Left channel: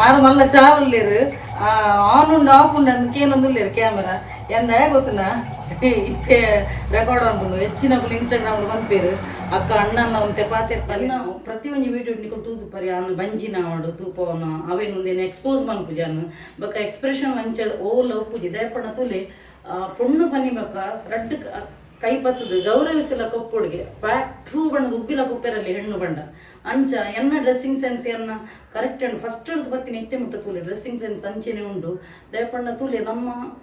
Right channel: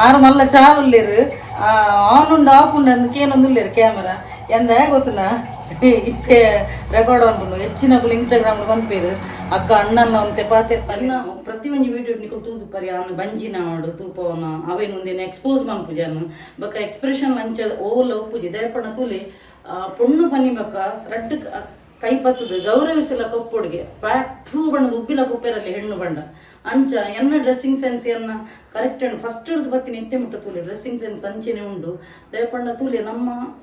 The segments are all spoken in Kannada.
ಆರು ಮಲ್ಲ ಚಾರುಲ್ಲೇರು ಆನ್ ಉಂಡು ಆಫ್ ಉಂಡು ಅದಕ್ಕೇನೊಂದು ಉಳ್ಳೇರು ಕ್ಯಾಮರಾ ಎಂದ ಗೊತ್ತುನ ಇತ್ತೆ ರೆಕಾರ್ಡ್ ಅನ್ಕೊಂಡು ಹೆಚ್ಚಿನ ಇನ್ಸ್ಟಾಗ್ರಾಮ್ ಪಂಪೇರು ಅಕ್ಕ ಅಣ್ಣನ ಒಂತೆ ಪಾತೆ ಅನ್ನ ಪ್ರತಿಯೊಂದು ವಿಡಿಯೋ ನಿಕೊಂಡು ತೂದು ಪರಿ ಅವನು ಬಂಜಿನ ಆಡು ತೂಪವನ ಅವೇನು ಒಂದೇನು ಎಕ್ಸ್ಪೋಸ್ ಮನ್ಪುಜಾನು ಬಕ ಎಕ್ಸ್ಪ್ರೆಷನ್ ಅಂಚ ಓಲ ಉಪ್ಪುಜಿ ದಯಪಣ ತೂಲೆ ಆ, ಪೊಣ್ಣು ಪನ್ನಿ ಬಕ್ಕ ರಡ್ಡ್ ಕ- ಕೈ ಪತ್ತದು ಗೌರವಿಸಲ ಕೊಪ್ಪುಡ್ಗೆ. ಥೂ ಬಣ್ಣದ ಉಬ್ಬಿಲ ಕುಪ್ಪೆರಲ್ಲಿ ಹೆಣ್ಣು ಬಣ್ಣ. ಅಂಚ ಎನ್ನ ಡ್ರೆಸ್ಸಿಂಗ್ ಸೆನ್ಸ್ ಎನ್ನ ಕರೆಕ್ಟ್ ಹೆಣ್ಣು ಫಸ್ಟ್ ಹಿಡಿದು ಬತ್ತೀನಿ ಎತ್ತೆ ಮುಟ್ಟ ತೂಲೆ. ಡ್ರೆಸ್ಸಿಂಗ್ ಸೆನ್ಸ್ ಅಂಚೆನೆ ಉಂಡು. ದಯಪಣ್ಣ ತೂಲೆ ನಮ್ಮ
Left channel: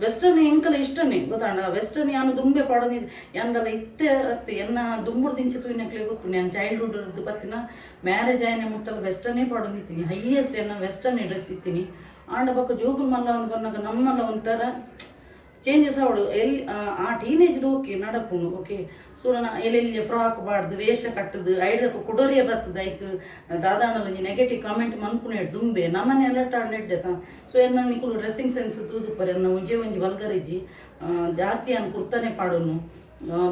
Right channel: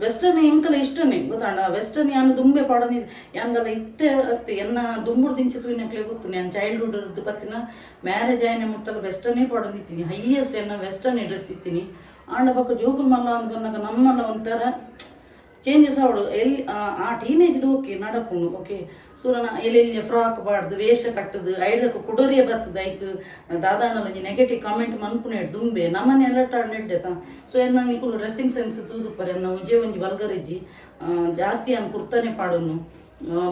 ವೆಸ್ಟರ್ನ್ ಎಂಕಲ ಇಷ್ಟನೇ ಗೊತ್ತಾಣ ವೆಸ್ಟರ್ನ್ ಯಾನು ದುಂಬೆ ಪಾಡೋನಿ ಯಾಂದಲ ಇತ್ತೆ ಅತ್ತೆ, ಎನ್ನ ದುಂಬುಡ್ ದಿಂಚಿ ತೂಯಿನಕ್ಲೆ ಗೊತ್ತು. ನಾನು ಚೈಲ್ಡ್ಹುಡ್ ಇದ್ದು ಬತ್ತಿನ ಮ್ಯಾರೇಜ್ ಆಯ್ನೆ ಮುಟ್ಟಲು ವೆಸ್ಟರ್ನೇ ಪಾಡೋನಿತ್ತೀನಿ ಹೈಯೆಸ್ಟ್ ಎನ್ನ ವೆಸ್ಟರ್ನ್ ಡ್ರೆಸ್ ಇತ್ತೀನಿ. ಆಂಡ ಪಕ್ಕ ಜೋಗುಲ್ ಮಲ್ಲ ಅಂತ ಬಂದಾಗ ನಮ್ಮನ್ನ ಒಂಥರ ಚೇಂಜಸ್ ಅವಳು ಎಲ್ಲಿ ಆ, ಟೀನೇಜ್ ಓಕೆ ನಡಪುಂಡು ಓಕೆ ಸೂರನ ಎಲ್ಲೆಲ್ಲಿ ಫ್ರಾಕ್ ಬಾಡ್ದು ವೇಷ ಕಟ್ಟದು ಐಡಕ್ಕೆ ಕುಡೋರಿಯ ಬರ್ತದ. ಐಕ್ ದಾದಾಂಡಲ ಒಂಜಿ ನೆಗೆಟಿವ್ ಕಾಮೆಂಟ್ ಮನ್ಪುನೆ ದುಂಬೆ ನಮ್ಮನೆ ಅಲರ್ಟ್ ನೆಡ್ಡೆತ ಸೊ ಎನ್ನ ನಿಕುಲು ಡ್ರೆಸ್ಸಿಂಗ್ ಸೆನ್ಸ್ ತೂದು ಪರಿ ಎನ್ನ ಒಂಜೆ ಒಂಜಿ ಬಲ್ಗರಿಜ್ಜಿ ಆ, ಜಾಸ್ತಿ ಅನ್ ಕುರ್ತನೆ ಪಾಡೋನು.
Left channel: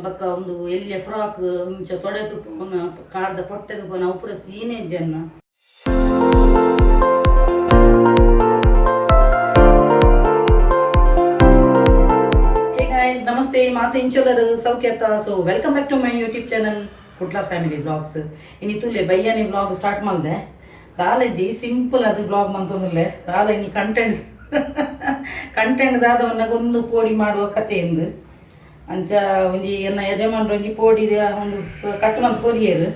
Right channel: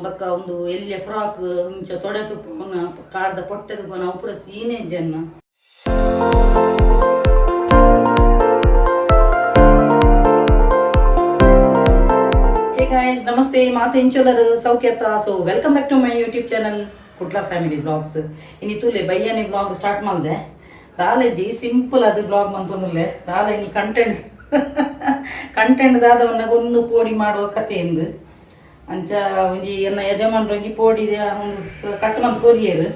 ಬಕ್ಕ ಒಂದು ಎಲ್ಲಿಯ ಫ್ರಾಕ್ ಮುಂಚೆ ತೊಡೆ ತುಪ್ಪನ ಕಾರ್ದ ಪೊಟ್ಟೆ ತುಪ್ಪನ ಅವು ಪೂರ ನಮಸ್ತೆ ಮಾತು ಇಂಚೋಲರು ಸೌಖ್ಯತ. So welcome back to my YouTube channel Kudla family blogs ಇನ್ನು ತೂಲೆ ಬಯ್ಯನಿ ಬ್ಲಾಗ್ ಸ್ಟಾರ್ಟ್ ಮಾಡಿದೆ. ದಾಲೆಜ್ಜಿ ಸಿಂಪಲ್ ಅದು ಬ್ಲಾಗ್ ಮಂತೊಂದುಲ್ಲೆ. ದಾಲೆ ಇನಿ ಕಂಟೆಂಟ್ ಕಂಟೆಂಟ್ ದಾದವನ್ನ ಒಂದು ಪೋಡಿ ಮಾಡುವ ಕಥೆ ಎಂದು. ಅಂಚ ಒಂಜಿ ಎನ್ನ ಯಜಮಾನ್ರು ಒಂಜಿ ಪೋಡಿದ ಒಂದು ಕಟ್ಟು ಮಂತ್ ಕೊರಿಯರು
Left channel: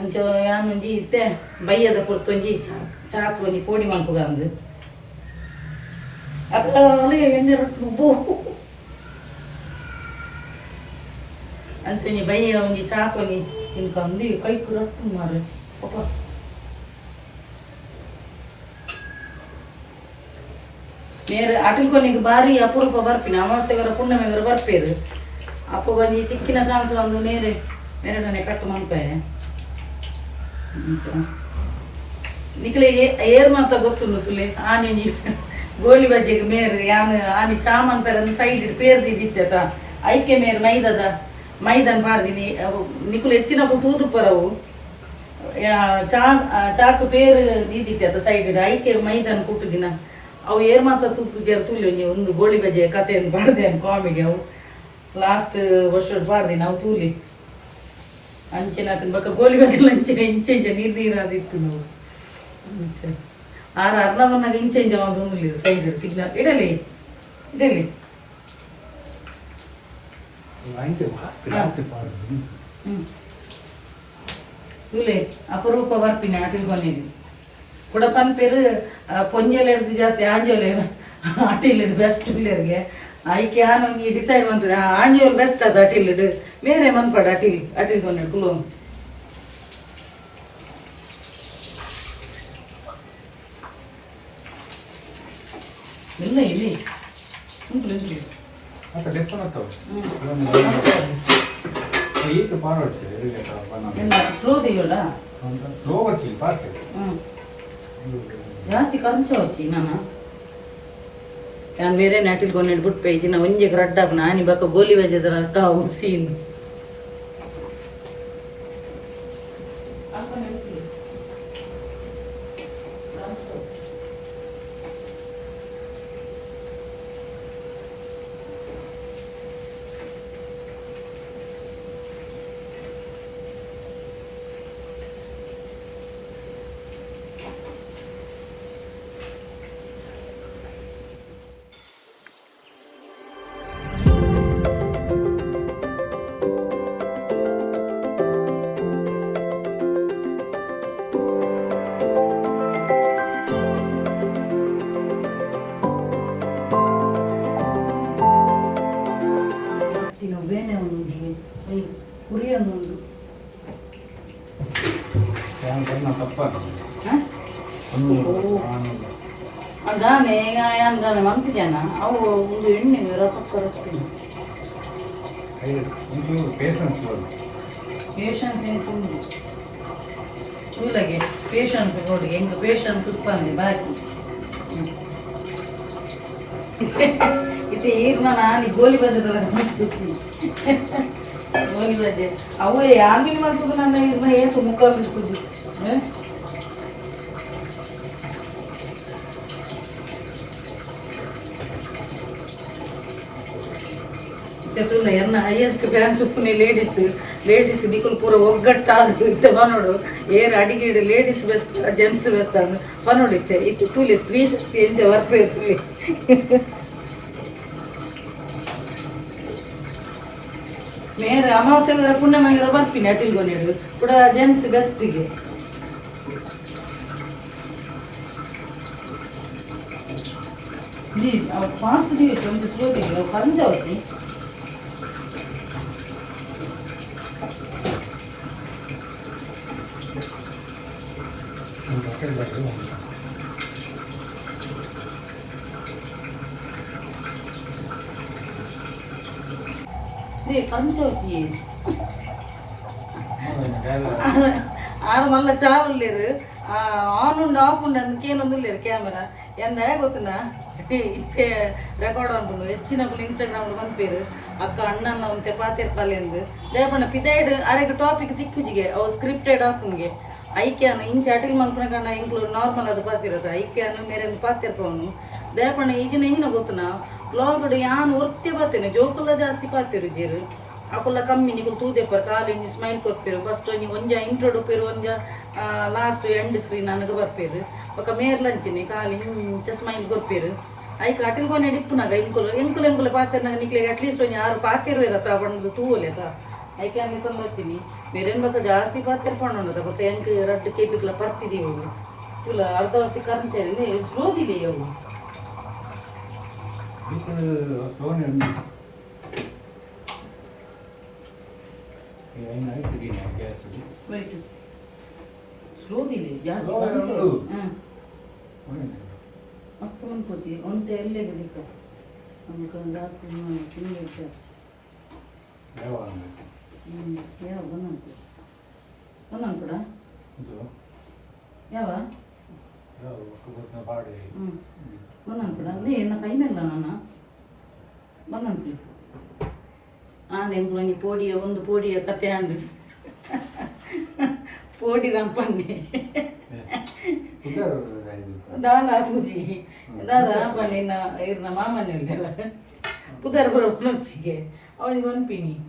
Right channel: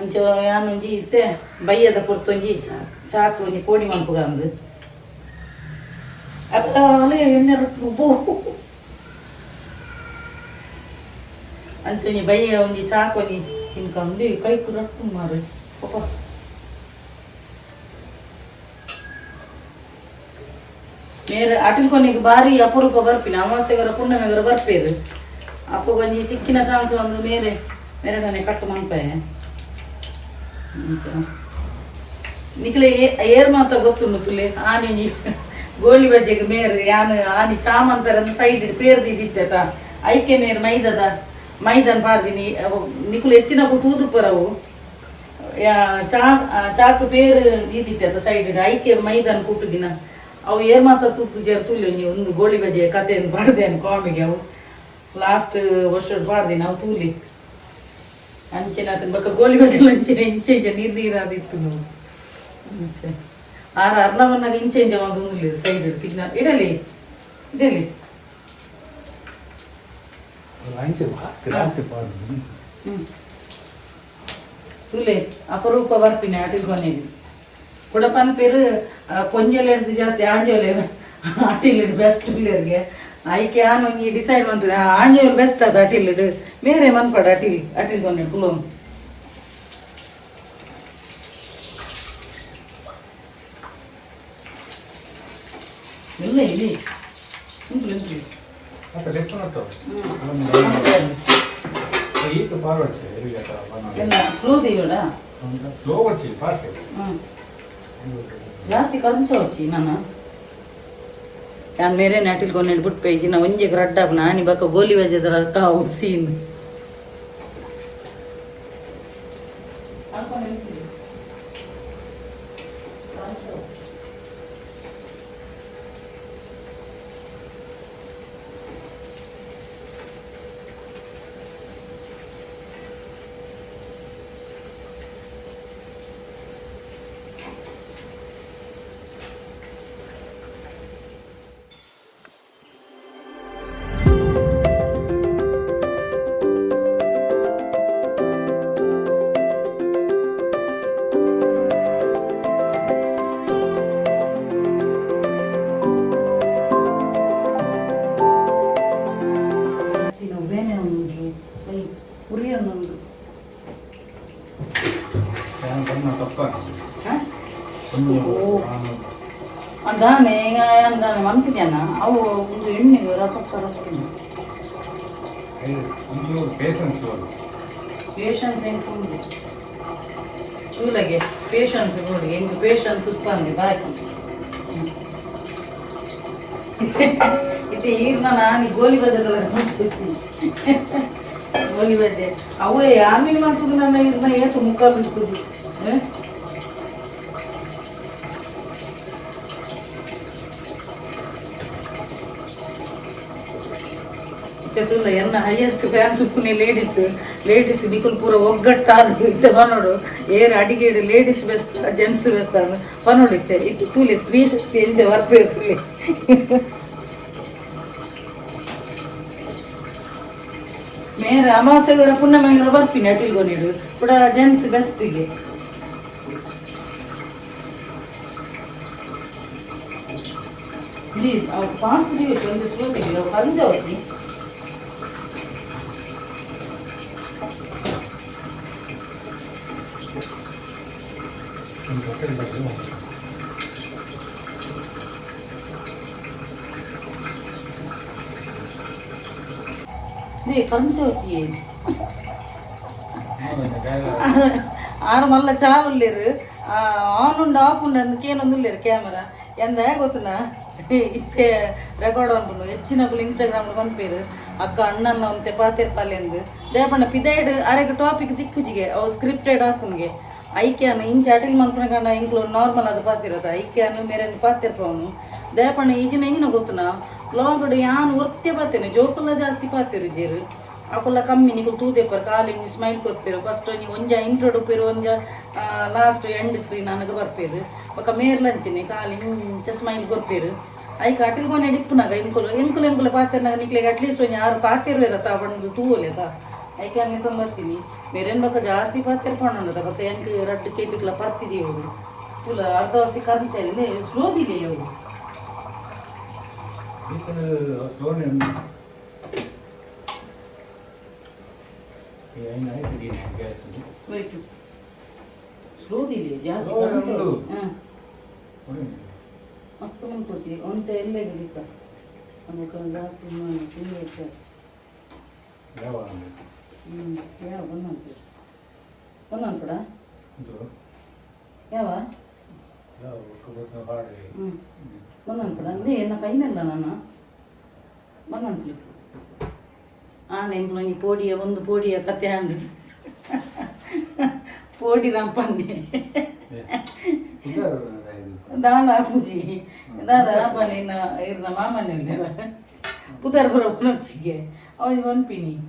ಅಂಚ ಯಾನ್ ಒಂಜಿ ಇತ್ತೆ ಬಯ್ಯದ ಪೊರ್ತು ಒಂಜಿ ಚಾ- ಚಾಕು ಒಂಜಿ ಪೋಡಿ ಮಂಪುಗ ಅಂದು. ಅತ್ತಲೆ ಎಣ್ಣೆ ರೊಟ್ಟು ಅಂಚೊಂಜಿ ಬಯ್ಯ ಒಂಜಿ ಚಾಕೊನಿ ತಿನ್ಕೊಂಡಿ ಕೈ ರೊಟ್ಟು ಮಾರು ಪಾಪ ಮೇರೆ ಅಟಿಲ್ಕೊನಿಗೆ ಬಾರಿ ಅಪರೂಪ ಬರ್ಪಿನ. ಅಮಾವಾಸ್ಯೆಗರ ಪುಣ್ಯಮೆಗರ ಬರ್ಪೇರು ಅಪ್ಪ ಒಂಜಿ ತಿಕ್ಕಿನ ಚಾನ್ಸ್ ಒಂದು ಮೇರೆ ಮೇರೆಡನೆ ಕಟ್ಟು ಮಲ್ಪೆ ನಿಕ್ಲೆ ಏರ್ ಮಾತ ಗೊತ್ತುಂಡು ತುಲೆ, ಆನಿ ಗೋಲಿ ಬಜ್ಜೆಗೆ ಮೇರ್, ಯಾನ್ ಆನಿ ಚಾಮಂತರ ಸೈಡ್ ಇಡ್ ಪೇರ್ದಿದ್ದಿತ್ತ ಐಕೆ ಮೇರ್ ಮೈದದ ಮೈದನ್ ಪಾರ್ದಿನಿ, ಅವು ನಿಕುಲು ಹೆಚ್ಚಿನ ತೂದು ಪರವು ಚಾ ಚಾಕು ಪೇರ್ ಅದ ಸೈಡ್ ಐಕೆ ಮೈದನ್ ಕುಟ್ಟುದಿನ ಅವು ಏರ್ ಮಾತ ತೂತು ಜೇರ್ ತುಲ್ಯು ಒಂದು ಗೋಳಿ ಬಜೆ ಕಥೆಯನ್ನು ಪಾಡ್ದೆ ಕಾಮಿಡಿ ಅವು. ಲಾಸ್ಟ್ ವರ್ಷ ಪಾರ್ದಿನ ನಾವು ತೂಲಿ. ಅಂಚಿನ ಆತನ ಬಕ್ಕ ಗೋಲಿ ಬಜೆ ಅಂಚಿನ ಇಂಚೆ, ಇಂಚ ನೀರ್ ನೀರಾದಿತ್ತು ನಾವು ಆರ ಅರ್ನವನ್ನಾಗ ಇಂಚೆ ಇಂಚೆ ಒಂದು ಸೈಡ್ ಸಿಗ್ನಲ್. ಇಡಲಿ ಇಡಲಿ. ಹ್ಮ್ ತುಲೆ ಅಪರೂಪ ಬರ್ತೀನಿ ಆಟಿಲ್ ಕೊನೆಗೆ ಕುಡಪನ್ ಪೇರು ಪೊಂಜಲ್ ಹಿಡ್ದು ಜಾಸ್ತಿ ಆಂಜೋಲೆ ಆಟಿಲ್ ಬೆಸ್ಟ್ ಪ್ಲೇಯರ್ಗೆ ಆಯ್ಕೆ ನಾನು ಈ ಡಿಸೈಡ್ ಮಾಡ್ತದೆ ಆಂಜೋಲ್ ಬೆಸ್ಟ್ ಅದು ಅಟಿಲ್ ಬೇರೆ ಮನ್ಪಡ ಅಟಿಲ್ ಅಟಿಲ್ ಕೊನೆ ಕುಲು ಇಲ್ಲ ಇಲ್ಲಿ ಉಂಟು ಉಂಟು ಅಪ್ಪ ಡೆಪ್ಪನ ಈಗ ಪಾರ್ ಹೊಡ್ತೇವೆ ಸ್ಲೋ ಹೊಡ್ತೀವಿ ಫಾಸ್ಟ್ ಜಾಸ್ತಿ ಕಂಚು ಹೊಚ್ಚಿ ನಾನು. ನಾನು ಬೇರೆ ನಾಟಿಲ್ಕೊಂಡು ಬಿಟ್ಟು ಪೇಜಿ ನಾ ಒಂಜೆ ರಡ್ಡಾಗ ನಾನು ಬಾಕ ಗೋಲಿ ವೇಜದ್ರ ಅಕ್ಕ ಹುಡ್ಸಿ ಅದಾನೆ ಅಂದಾನೆ ಮನ್ಪು ಜನ ಅವು ಒಂದು ಎಣ್ಣೆ ರೊಕ್ಕ ರೊಕ್ಕ ಪೇಷನ್ಸ್ ಎಂಟು ಚೂಲಗೆ ಪೇಷನ್ಸ್ ನೋಡಿ ಎಂಟು ಪೇಷನ್ಸ್ ಉತ್ಪನ್ನ ಬಾಕಿ. ಇದು ಈರ್ನ ನಾನು ಗೋಲಿ ಬಜೆದಲ್ಲ ಗೋಲಿ ಬದ್ದೆ ಅವು ಯಾಮಿ ಮತ್ತು ನನ್ನ ಏತು ಮುಖ ಬಿಡ್ತದೆ. ತೆತ್ತುಲ್ಲ ಎನ್ನ ಹೈಯೆಸ್ಟ್ ಫ್ಯಾನ್ಸ್ ಉಪ್ಪುನಿ ಲೇಡೀಸ್ ಲೇಡೀಸ್ ನಿಕುಲ್ ಪೂರ ಒಗ್ಗಟ್ಟಾದ ಇತ್ತೆ ಪನೋಡು ಏರ್ ಅಡಿಗೆ ಲೇಡೀಸ್ ಬೆಸ್ಟ್ ಜೆಂಟ್ಸ್ ಬೆಸ್ಟ್ ಅಂದ್ ಪನೋಡು ಇತ್ತೆ ಇತ್ತು ತೂಲಿ ಸ್ತ್ರೀ ಶಕ್ತಿ ಎಂಚ ವರ್ಪೆ ತೂಲಿ ಮೇರೆ ಅಮಾವಾಸ್ಯೆಗೆ ಪುಣ್ಯಮಂಗಳ ಬರ್ತೀನಿ ಅಟಿಲ್ಗೊಂಡಿಡು ಕೂಡ ಜೆಂಟ್ಸ್ ಬೆಸ್ಟಿಗೆ ಫಾಸ್ಟ್ ದಿವಸ ಒಂದು ಸ್ಲೋ ದಿವಸ ಪಂಜಾವತಿ திரும்ப செய்வோம் ಆಡ ಮಲ್ಲ ಚಾಲು ಲೇರು ಆನ್ ಉಂಡು ಆಫ್ ಉಂಡು ಅದಕ್ಕೇನೊಂದು ಲೇರು ಕ್ಯಾಮರಾ ಎಂದ ಗೊತ್ತಿನ ಇತ್ತೆ ರೆಕಾರ್ಡ್ ಅನ್ಕೊಂಡು ಹೆಚ್ಚಿನ ಇನ್ಸ್ಟಾಗ್ರಾಮ್ ಪನ್ಪೇರು ಅಕ್ಕ ಅಣ್ಣನ ಅಂತೆ ಪಾತಿರ್ತಾಳೆ ಎಂದು ಜಯಪಣ್ಣ ಪಿದಾಯ್ಡ್ ಅರೆಗೆ ಟಾಪಿಕ್ ದಿಕ್ಕುಜಿಗೆ ಅವು ಸ್ಕ್ರಿಪ್ಟೆಡ್ ಹಾಕುಂಗೆ ಐಕ್ಯಾನ ಇಂಚ ಅಟಲ್ ಮನ್ಕೊಂಡ ಇಂಕ್ಲೂಡ್ ನಾರ್ಮಲ್ ಅದು ಪಾತಿರೋದು ಐಕ್ಯಾನು ಮೇರನ್ನು ಪಾತಿರ್ಪವನು ದಯಪಣ್ಣ ಈಜಿನ ಹೆಂಗಿನ ಗೊತ್ತುನ? ಲೋಗಡೆ ಯಾನ್ ಒತ್ತೆ ಬರ್ತೇನೆ. ಜೋಕುಲ್ಲ ಜಾಸ್ತಿ ಪಾತಿರು ಜೀರು. ಅಪ್ಪಲ್ಲ ಕಮ್ಮಿ ನೀವು ತೂದೆಪ್ಪರ ಕಾಲೇಜ್ ಸ್ಮೈಲ್ ಕೊತ್ತಿರು ಫಸ್ಟ್ ನೀವು ಒಂಜ ಇಂಟ್ರೋಡ್ ಉಪ್ಪಿರು ಒಂಜ ಲಾಸ್ಟ್ ಎಂಡ್ ಸ್ಕ್ರೀನ್ ನನಗೆ ಬರ್ಪೇರು. ಒಕ್ಕ ಮೇರ್ ಲಂಚಿನಿ ಕಾಲು ಇಂಚ ಸ್ಮೈಲ್ ಕೊಡ್ತೀರು ಐಕ ಅಟಲ್ ಕೊನೆ ಡಿಪ್ಪುನಾಗ ಇಂಕುಲು ಇಂಕುಲು ಇಂಕುಲು ಪಾತಿರ್ನಾಗ ನಿಕ್ಲಿಗೆ ಅಟ್ಲೀಸ್ಟ್ ಒಂದು ಯಾರು ಪಾತಿರ್ವೇರ ತಾ ಬಣ್ಣದು ತೂವಲೇತಾ ಐಕೆ ತಂದು ಬರ್ತೀನಿ ಮೇರೇನ್ ಬಕ್ಕ ಜಾಸ್ತಿ ಪಾತಿರ್ ಪಣ್ಣದ ಬತ್ತ ಎಂಕ್ ರದ್ದು ಕೇಪಿಕ್ಲ ಪಡ್ತಿದೀವಿ ಅವರು ಇಲ್ಲ ಅರ್ಧ ವರ್ಷ ಕರ್ಮಚಾರಿ ಸ್ಲೋದಿದೆ ಅವು ವೆಯ್ಟ್ ಸ್ಲೋದಿದೆ ಜಾಸ್ತಿ Slow ಕರ್ಮಚಾರಿ ಉಂಟು. ಹಾಂ ಮಸ್ತ್ ಮನ್ಕೋಚಿ ಒಂತ ಎಲ್ಲೇ ದಿಕ್ಕ ನಮಗೆ ಜಾಸ್ತಿ ಮಾಡಿ ತಿಂಡಿ ಹೆಚ್ಚಾಚಿ ಹ್ಞೂ ಯಾವ ಬಂದಂತೆ ಬಂದನ್ ಕೂಡ. ಯಾವ? ಹ್ಞೂ ಬಂದನ್ ಕೂಡ. ನೀ ಎನ್ನ ಕೈನಲ್ಲ ನನ್ನ ಬಂದನ್ಪ್ಲಿ ಆಂಡೆ ಎಂಕ್ಲು ನೀ ಪೋಡಿಯ ಒಂದು ಪೋಡಿಯ ಕತೆ ಆಂಡು ಪೋಡಿ ರಂಪಂಡಿ ದಾನ ಪೂಜಿ. ದಾದ ರಂಪಂಡಿ ಇನ್ನ ಇರ್ನ ಮಾಮನ ಪುದರ್ ಬರೋ ಪುನಕ್ಷಿಗೆ ಅವನಿಗೆ ಪಂಪಿನಿ ಹ್ಮ್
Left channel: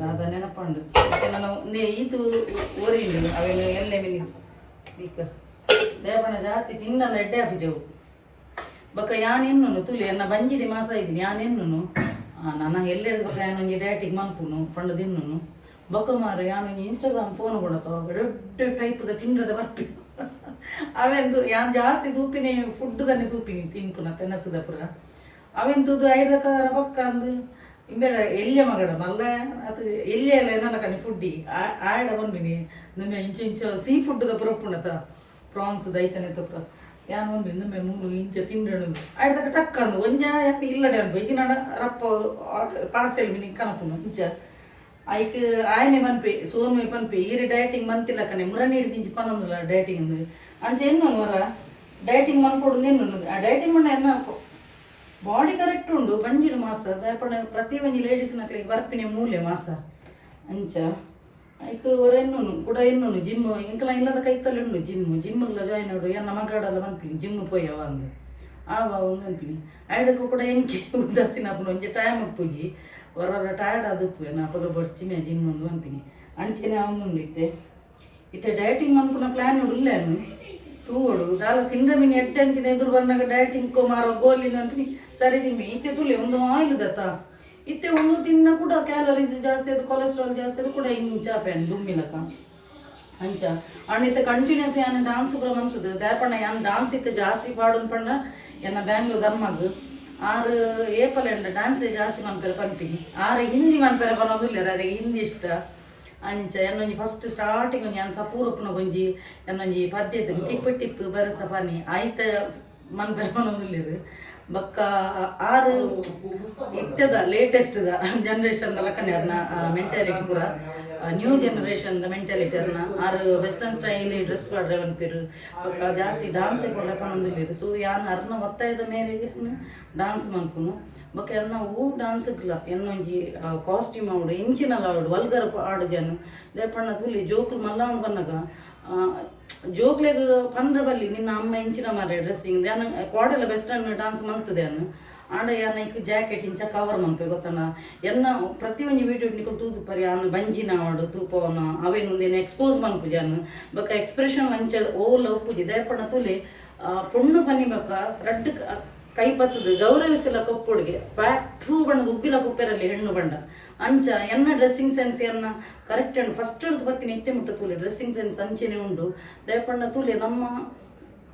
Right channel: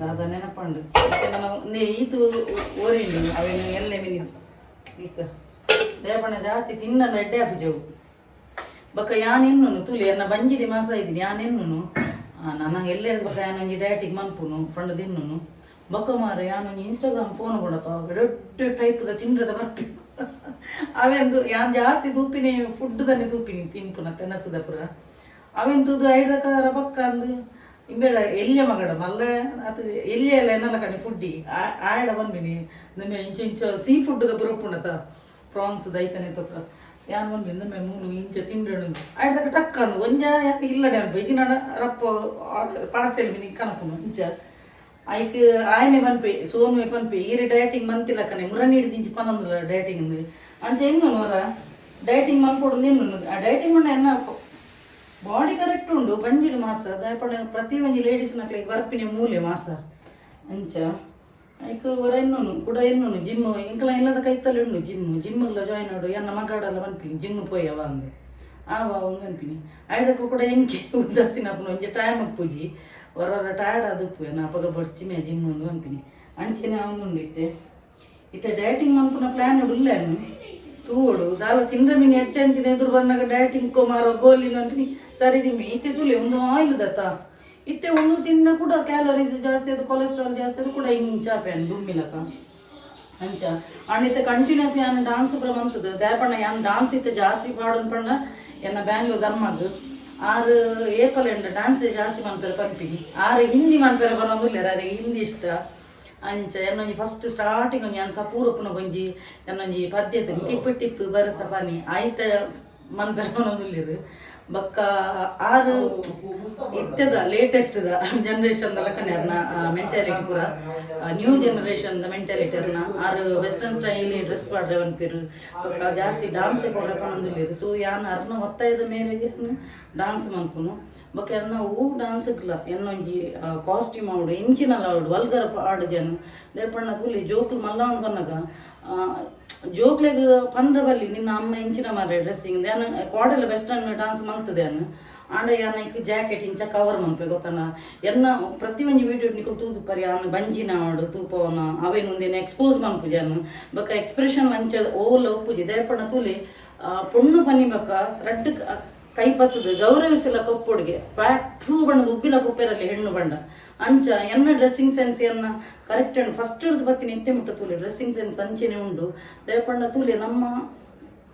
ದಾದ ನೆನಪುಂಡು ಮತ್ತೆ ನಾನು ನೇ ಈತು ಓರಿಂಡು ಅವೆಲ್ಲ ಎಲ್ಲ ಮಿನಿ ಈಕ ದೇವಣ್ಣ ಜಾಸ್ತಿ ತಿನ್ನ ಎಡ್ಡೆ ಹಾಕಿದೆವು ಬಕ್ಕ ಯಾನೆನ್ನು ತುಲಿ ಎನ್ನ ಬಂಜಿದಿ ಮಾಸ ಇದ್ದೀನಿ ಯಾನೆನ್ನು ನನಗೆ ಎಲ್ಲೆಡ್ ಬಕ್ಕ ಯಾನಂಗೆ ಡಯಟಿಗೆ ಮನ್ಪುನು, ಪಂಡ ತಿನ್ನು ಬಕ್ಕ ಮಾರು ಯಾನಂಗೆ ಇನ್ಸ್ಟಾಗ್ರಾಮ್ ಫೋನ್ ಕೊಡತ್ತ ದೊಡ್ಡ ಟೈಪ್ದ ತಿಂಡ್ರದ ಬರ್ತಿ. ಅವೆಂದು ಯಾನ್ ಜಾಸ್ತಿ ತೂಪಿನಿ ಫುಡ್ ದಲ್ಲಿ ತೂಪಿನಿ, ತಿನ್ಪುನ, ತೆನಸದ ಪುರ. ಅವೆಂದು ಐಡ್ದ ಕಾರ ಬಕ್ಕ ಅಂದು ಇಂಬೇಡ എല്ലിയ ಮಲ್ಲ ಅದು ಎಲ್ಲಿಯ ಎಲ್ಲ ಏನಲ್ಲ ಕನಿ ಫುಡ್ಡಿ ಆಯ್ಡ ಬಂದ್ಬಿನಿ ನಮ್ಮ ಇಂಚ ಇಂಚ ಸೀ ಫುಡ್ ಫುಡ್ದ ಪುರಪ್ಪುಂಡತ ಪ್ರಾನ್ಸ್ ದೈತನೆ ತಪ್ಪ. ಯಾನ್ ಒಂದು ಇನ್ನೊಮ್ಮೆ ಮೂಲು ಇಂಚ ತಿಂಡಣು ಆಯ್ದಾಗ ಟಕ್ಕ ಅಂದು ಒಂಜ ಯಾಕೆ ಇಲ್ಲಡೆ ಅನ್ಬ ಈಗ ನಡ ರಪ್ಪ ಪಾರ್ಸೆಲ್ ಬಿನಿ ಕನಪುನು ಇಂಚ ಐಕ್ ಆಯ್ನೆ ಮನ್ಪೆ ಸೋನ್ಮೆ ಪನ್ಪೆ ಈರಿ ಡಯಟಿಂಗ್ ಮಂತಿಲ್ಲ ಕಣೆ. ಮುರ ನೀಡಿ ಇಂಚ ಪನ್ನೊಂದುಲ್ಲ ಡಯಟಿಂಗ್ ಅಂಚ ಹೆಂಗ್ ಮರ ಡಯಟಿಂಗ್ ಮನ್ಕೊಡು ನೀನು ಡಯಟಿಂಗ್ ಮಣ್ಣ ಎನ್ನ ಬಾಡಿ ಕರೆಕ್ಟ್ ಉಂಡು ಬಂಜಿಲು ಮಾಸ ದಾಯಪಣ ಪ್ರತಿ ಒಂಜಿ ಲೇಡೀಸ್ ನಕ್ಲಿಗೆ ಬರ್ಪಿನಿ ಮೂಲೆ ಮಾಸ. ಅಂಚ. ಐಕ್ ಅವರ ಎನ್ನೋನು, ಕೂಡ ಎನ್ನೋನು ಜಿಮ್ ಇಂಕಲ ಇಲ್ಲದ ಕೈತಲ್ಲಿ ಉಂಡು ಜಿಮ್ ಜಿಮ್ಗೆಲ್ಲ ಜಾಯ್ನ್ ಆಡು ಎನ್ನ ಮಗಾಡಲ್ಲ ಬಂದ್ಪಿನಿ ಜಿಮ್ ಪೋಯ್ ಅವ ಆ ಆವ ಒಂದು ಅನ್ಪಿನಿ ಐಡಕ್ಕೂ ಕೂಡ ಎಂಕೆ ಉದಾಸೀನ ಒಂಜೆ ಟೈಮ್ ಪೂಜಿ. ಒರ ಟಯರ್ಡ್ ಆದ ಉಪ್ಪು ನಾ ಪಗ ಬರ್ಚಿಮೆ ಜಿಮ್ ಒಂದು ಅನ್ಪಿನಿ ಅಂಚೆನೆ ಅವನು ಇತ್ತೆ. ಇತ್ತೆ ಡಯಟಿಂಗ್ ಮನ್ಪುನ ಪ್ಲಾನ್ ಉಳ್ಳೇನು ತೂವಡು ದಾಲ ತಿಂದ ಮೀನು, ಎಟ್ಟೆ ಅಂತೀನಿ ಎದುರು ಬಂದಾಗ ಬ್ಯಾಟಿಂಗ್ ಕೊಮಾರೋ ಗೋಲಿನ ಅಂತೀನಿ ಸರಿ ದಿಮ್ಮಿ ಇತ್ತೆ ತುಳಿ ಒಂದು ಆಯಿಲ್ ದತ್ತ. ಇತ್ತೆ ಒಂದು ತಿನ್ನ ಕೂಡ ಕ್ಯಾಲೋರೀಸ್ ಜಾಸ್ತಿ ಅದು ಕೊಲೆಸ್ಟ್ರಾಲ್ ಜಾಸ್ತಿ ಅದು ಕೂಡ ಹಿಂಗೆ ಚಾಪೆನ್ ದುಮ್ಮಿಲಕ ಅಂಚ. ಕಂಟಿನ್ಯೂಸ್ ಯಾನ್ ಡಾನ್ಸ್ ಕೂಡ ಬಂತದು. ದ್ಯಾಪಣ್ಣ ಯಾನ್ ಡಾನ್ಸ್ ಇತ್ತೆ ಜಾಸ್ತಿ ಪಾಡು ಪಣ್ಣ, ಎನ್ನ ಬ್ಯಾಂಗ್ಳೂರ್ ದಮ್ಮಗ್ ಆರು ಏಪಲ್ ಎಂಡ ಡಾನ್ಸ್ ಜಾಸ್ತಿ ಮನ್ಪೆರೆ ಪಂಪಿ ಆರು ಹಿಂದಿ ಮನ್ಪೆರೆ ಬರೋದಿಲ್ಲ ಅರೆ ಹಿಂದಿ ಇಷ್ಟ. ಅಂಚ ಎನ್ನೊಂಜಿ ಫಸ್ಟ್ ಸ್ಟಾರ್ಟಿಂಗ್ ಒಂಜಿ ಅನ್ಸ ಸಪೂರ್ ಉಪ್ಪುನ ಒಂಜಿ ಎನ್ನೊಂಜಿ ಪದ್ಯತೆ ಟಿಪ್ಪು ಟಿಪ್ಪು, ಬರಸ, ಪನಿ. ಆಯ್ತ ಮನ್ಪೆರೆ ಬರೋದಿಲ್ಲರು ಬೊಕ್ಕ ಆರು ಇತ್ತದ ಲೇಟೆಸ್ಟ್ ಜನರೇಷನ್ ಲಕ್ಕನೆ ಅರ್ನ ಮೆಂಟಾಲಿಟಿ ಪೂರ ನ್ಯೂ ಜನರೇಷನ್ ಮೆಂಟಾಲಿಟಿ ಅರ್ನ ಆರು ವೆಸ್ಟರ್ನ್ ಸ್ಟೈಲ್ ಡ್ರೆಸ್ ಮಾಡ್ರೆ ಅಂತೀರು. ಬೊಕ್ಕ ಜಾಸ್ತಿ ಡಾನ್ಸ್ ಕೊಡ್ರಪ್ಪ ಸೊ ಯಾನ್ ಅರ್ನ ಒತ್ತಾಯದ ಮೇರೆಗೆ ಡಾನ್ಸ್ ಮನ್ಪುನು ಬೊಕ್ಕ ಎನ್ನ ಹೂ ಡಾನ್ಸ್ ಇಲ್ಲ ಎನ್ನೊಂಜಿ ಕಾಸ್ಟ್ಯೂಮ್ ಆವಡು ಇಂಚಿನಲ್ಲ ಆವಡು ವಲ್ಗರ್ ಆಡು ಜನ. ದೇಪಣ್ಣ ತುಲಿ ಜೋಕುಲು ಮಲ್ಲ ಒಂದು ಬನ್ನಗ ಜೋಕ್ಲೆಗ್ ಪಂಡ್ರ ಬಲ್ಲಿ ನಿನ್ನ ಅಮ್ಮ ಇಂಚಿನ ಮಾರೆ ಡ್ರೆಸ್ಸಿಂಗ್ ಯಾನ ಕೋಡೆಲ್ಲ ವೆಸ್ಟರ್ನ್ ಡಾನ್ಸ್ ಮಲ್ತದೆ ಅನ್ನು ಆಂಡ ಯಾನ ಇಕ್ ಜಾಕೆಟ್ ಇಂಚ ಕವರ್ ಮಂಪೆ ಗೊತ್ತನ? ಎನ್ನ ಪ್ರತಿ ಒಂಜಿ ವಿಡಿಯೋ ನಿಕಲ್ ತೂದು ಪರಿ ಅವನು ಬಂಜಿನ ಆಡು, ತೂಪವನ, ಅವೇನು ಎಕ್ಸ್ಪೋಸ್ ಮನ್ಪುಜಿ ಅನ್ನು ಬಕ ಎಕ್ಸ್ಪ್ರೆಷನ್ ಅಂಚ ಓಲ ಉಪ್ಪುಜಿ ದಯಪಣ ತುಲಿ ಪೊಣ್ಣು ಪನ್ನಿ ಬಕ ರಡ್ಡ್ ಕ- ಪತ್ತದ ಗೌರವಿಸಲ ಕೊಪ್ಪೊಡಿಗೆ. ಪ್ಯಾಕ್ ಥೂ ಬಣ್ಣದ ಉಬ್ಬಿಲ ಕುಪ್ಪೆರಲ್ಲಿ ಹೆಣ್ಣು ಬಂಡ ಅಂಚ ಎನ್ನ ಡ್ರೆಸ್ಸಿಂಗ್ ಸೆನ್ಸ್ ಎನ್ನ ಕರೆಕ್ಟ್ ಉಂಡು ಫಸ್ಟ್ ಹಿಡಿದು ಬತ್ತಿ ಎತ್ತೆ ಮುಟ್ಟ ತೂಲೆ ಡ್ರೆಸ್ಸಿಂಗ್ ಸೆನ್ಸ್ ಅಂಚೆನೆ ಉಂಡು. ದಯಪಂಡ ತೂಲೆ, ನಮ್ಮ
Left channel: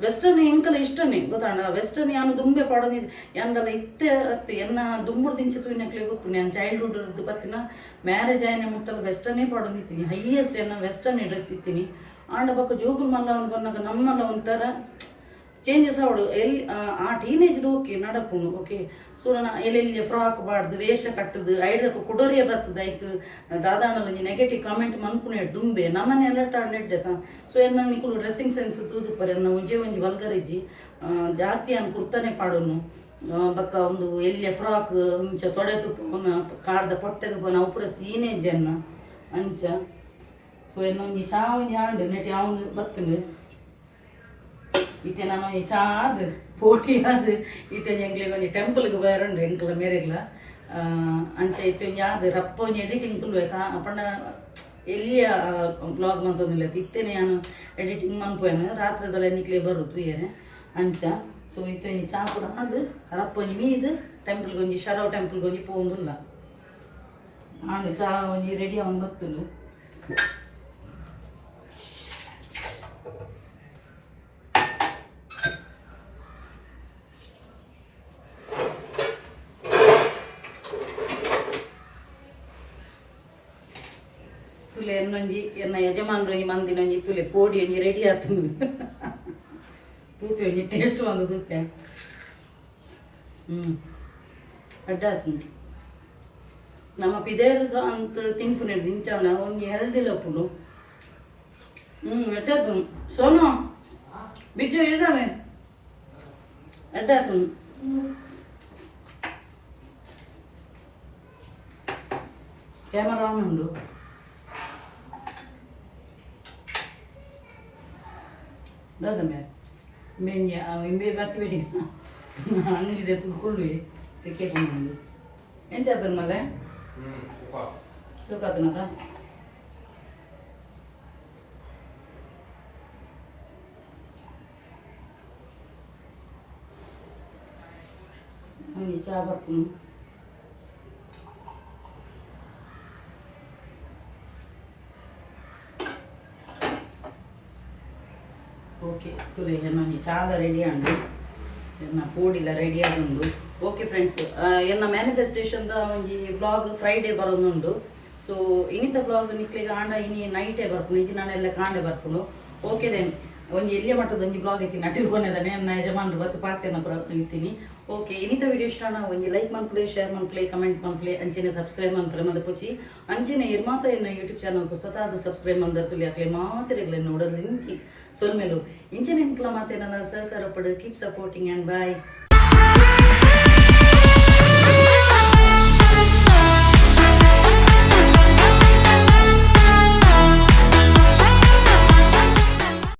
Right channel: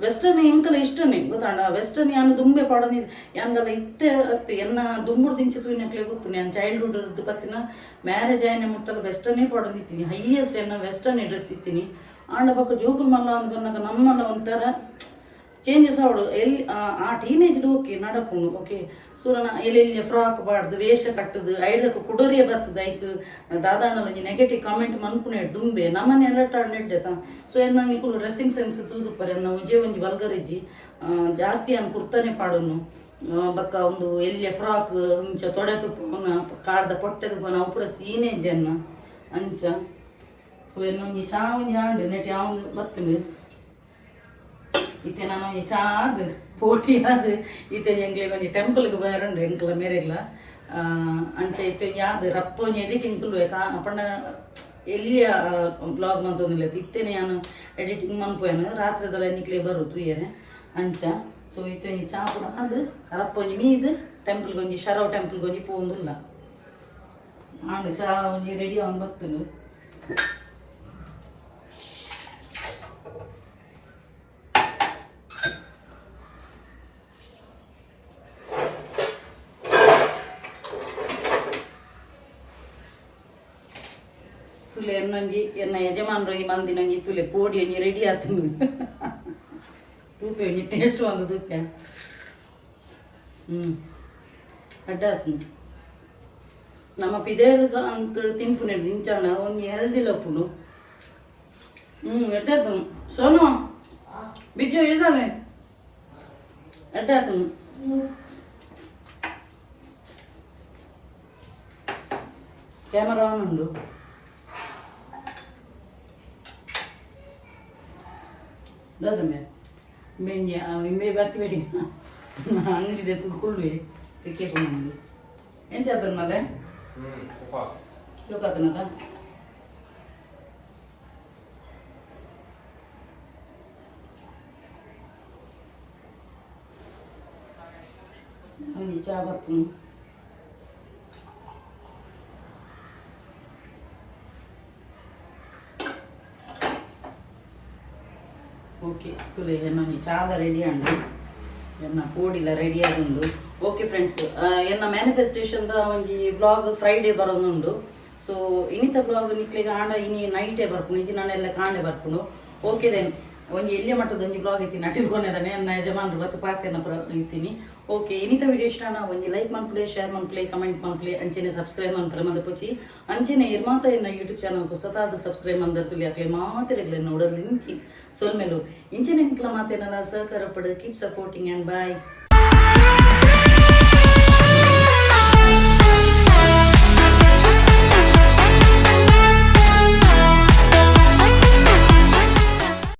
ವೆಸ್ಟರ್ನ್ ಎಂಕಲ ಇಷ್ಟನೇ ಗೊತ್ತಾಣ ವೆಸ್ಟರ್ನ್ ಯಾನು ದುಂಬೆ ಪಾಡೋದಿದ್ದು ಯಾನ್ದಲ್ಲ ಇತ್ತೆ ಅತ್ತೆ ಎನ್ನ ದುಂಬುರ್ ದಿಂಚಿ ತೂಯಿನಕ್ಲೆ ಗೊತ್ತು. ನಾನು ಚೈಲ್ಡ್ಹುಡ್ ಇದ್ದು ಬತ್ತಿನ ಮ್ಯಾರೇಜ್ ಆಯ್ನೆ ಮುಟ್ಟಲು ವೆಸ್ಟರ್ನೇ ಪಾಡೋನಿತ್ತೀನಿ ಹೈಯೆಸ್ಟ್ ಎನ್ನ ವೆಸ್ಟರ್ನ್ ಡ್ರೆಸ್ ಇತ್ತೀನಿ. ಆಂಡ ಬಕ್ಕ ಜೋಗುಲ್ ಮಲ್ಲ ಅಂತ ಬಂದಾಗ ನಮ್ಮನ್ನ ಒಂಥರ ಚೇಂಜಸ್ ಅವಳು. ಎಲ್ಲಿ ಆ- ಟೀನೇಜ್ ಓಕೆ ನಡಪುನು ಓಕೆ ಸೂರನ ಎಲ್ಲೆಲ್ಲಿ ಫ್ರಾಕ್ ಬಾಡ್ದು, ವೇಷ ಕಟ್ಟದು ಐಡಕ್ಕೆ ಕುಡೋರಿಯ ಬರ್ತದೆ ಐಕ್ ದಾದಾಂಡಲ ನೆಗೆಟಿವ್ ಕಾಮೆಂಟ್ ಮನ್ಪುನೆ ದುಂಬೆ. ನಮ್ಮನೆ ಎಲ್ಲ ನೆಡ್ಡೆ ತಾ ಸೊ ಎನ್ನ ನಿಕುಲು ಡ್ರೆಸ್ಸಿಂಗ್ ಸೆನ್ಸ್ ತೂದು ಪರಿ, ಅನ್ನ ಉಜೆ ಒಂಜಿ ಬಲ್ಗರಿಜ್ಜಿ. ಜಾಸ್ತಿ ಅನ್ ಕುರ್ತಾನೆ ಪಾಡೋನು. ಬಕ್ಕ ಒಂದು ಎಲ್ಲಿಯ ಫ್ರಾಕ್ ಅಂಚ ತೊಡೆ ತುಪ್ಪನ ಕಾರ್ದ ಪೊಟ್ಟೆ ಪೂರ ಸೀನೇಜ್ ಅನ್ನ. ಅಂಚ. ಸೊ ಎನ್ನೊಂಜಿ ಚಾ ಒಂಜಿ ಆಂಡೆ ನೆಟ್ ಯಾವ ಬತ್ತನೆ. ಇತ್ತೆ ನಾನು ಈ ಚಾದ್ ಪೋಟಿ ಅದು ಇತ್ತೆ ಎಂಗ್ಲಿಗೆ ಒಂಜಿ ಟೆಂಪಲ್ಗೆ ಬರೋಂಡು, ಎಂಕ್ಲ ಮೇರೆಗ್ಲ. ಅಂಚ ಇತ್ತೆ ಯಾದ್, ರಪ್ಪ ಒಂಜಿ ಎಡಿಟಿಂಗ್ ತುಲ್ವೆ ಕಾ ಪಂಡ ಎಲ್ಲಿಯ ಬ್ಲಾಗ್ ಮಂತೊಂದಿಲ್ಲ. ಇತ್ತೇನೆ ನಾನು ಎಡಿಟಿಂಗ್ ಮನ್ಪೋಯನು ರಾತ್ರಿದಲ್ಲ ನಿಕ್ಲೆ ಬರುದು ಏನೆ ಅಂಚ. ಸೊ ಇತ್ತೆ ಒಂಜಿ ಚಾ ಕೂಡ ಅದು ರಪ್ಪ ಒಂಜಿ ಮೀದು ಟೆಂಪಲ್ಗೆ ಒಂಜಿ ಶರವ್ ಟೆಂಪಲ್ಗೆ ಒಂಜಿ ಪೋಂದಿಲ್ಲ ಆಂಡ್ ಚಾ ಒಂಜಿ ರೆಡಿ ಅವನ್ ಬರ್ತನು ತುಲೆ ಎನ್ನೊಂಜಿ ಎನ್ನ ಯಜಮಾನ್ರು ಈ ಮಂದಿನೊಂಜಿ ತುಲೆ ಕೋಡಿ ಒಂಜಿ ರೆಡಿ ಆತುಂಡು ತೂಪೆ ಒಂಜಿ ಟೇಸ್ಟ್ ಒಂದು ತೂಪೆ ಹ್ಞೂ ಅಡ್ಡ ಆತುಂಡು ನಮ್ಮ ಪಿದೇಡು ಅಂತ ತಿನ್ಪುನೆ ದಿಂಚಾವಣ ಒಂಜಿ ಹೆಲ್ದಿ ಲಪ್ಪುಡು ಹ್ಞೂ ಎಡ್ಡಾತು ಸೋನು ಬಿಜ್ಜು ಇಡ್ದಾವೆ ಎಡ್ಡಾತು ಕ್ಯಾಮರಾ ಆನ್ ಉಂಡು ದಾದಮ್ಮೆ ಮೆಂಜ ಇಮ್ಮೆ ಬತ್ತಬೇಡಿ ಅಂಗಡಿದೆ ತುಳ್ಳಿ ಸಿಕ್ಕೆ ಕೊಂಡು ಎಂತ ಆತನ ಮಲೆ ತೂಕಾತನದ ಒಂಜಿ ಓಕೆ ತುಲೆ ನಮಗೆ ಚಾದ ರೆಡಿ ಅಂಡು ಎನ್ನ ಕೂಡಿಲ ರೆಡಿ ಆದೊಂದು. ಓಕೆ ಫ್ರೆಂಡ್ಸ್ ಎನ್ನ ಮ್ಯಾನಿಫೆಸ್ಟೇಷನ್ದ ಒಂಜಿ ಬ್ಲಾಗ್ ಫ್ರೈಡೇ ಬರೋದುಂಡು. ಸೊ ಇನಿತ ಬ್ಲಾಗ್ ನಿಕ್ಲಿಗೆ ಆಂಡ ಇನಿ ನೈಟೇ ಬರ್ಪುನು ಇಜಿ ನಾನೆಲ್ಲ ಕಾಂಡೆ ಬರ್ಪುನು ಓಕೆ ದೆನ್ ಒಂಜಿ ಎಲ್ಲಿಯ ಮಟ್ಟದ ಒಂಜಿ ಬ್ಲಾಗ್ ಐತಿ ನಾ ತಿಳ್ಕೊಂಡಿದ್ದಾನೆ ನನ್ನ ಯಜಮಾನ್ರು ಬತ್ತು ಪಾತೆನ ಪ್ರ ಇರ್ತೀನಿ ಓಕೆ ಇನ್ನಿತ ವಿಡಿಯೋ ಇಷ್ಟ ಒಂದು ಲೈಕ್ ಮಾಡ್ಕೊಳ್ಳಿ ಶೇರ್ ಮಾಡ್ಕೊಳ್ಳಿ ಕಮೆಂಟ್ ಮಾಡ್ಕೊಳ್ಳಿ, ಅಂಚೆನೆ ಸಬ್ಸ್ಕ್ರೈಬ್ ಮಾಡ್ಕೊಳ್ಳಿ ಮತ್ತೆ ಪುಚಿ. ಅಂಚೆನೆ ಇರ್ಮಾತ ಎನ್ನ ಯೂಟ್ಯೂಬ್ ಚಾನಲ್ ಹೊಸತಾದ ಸಬ್ಸ್ಕ್ರೈಬ್ ಮಂದರ್ತುಲಿ ಅಕ್ಲೆ ಮಾತಿರಲಿ ನೋಡಲು ಇಂಚಿ ಸೊಲ್ಮೇಲು, ಇಂಚಿನ ನಿಕ್ಲ ಮಾತೇನಲ್ಲ, ಸಹಕಾರ ಪಡು ಕೀಪ್ ಸಪೋರ್ಟಿಂಗ್ ಆ್ಯಂಡ್ ಬಾಯ್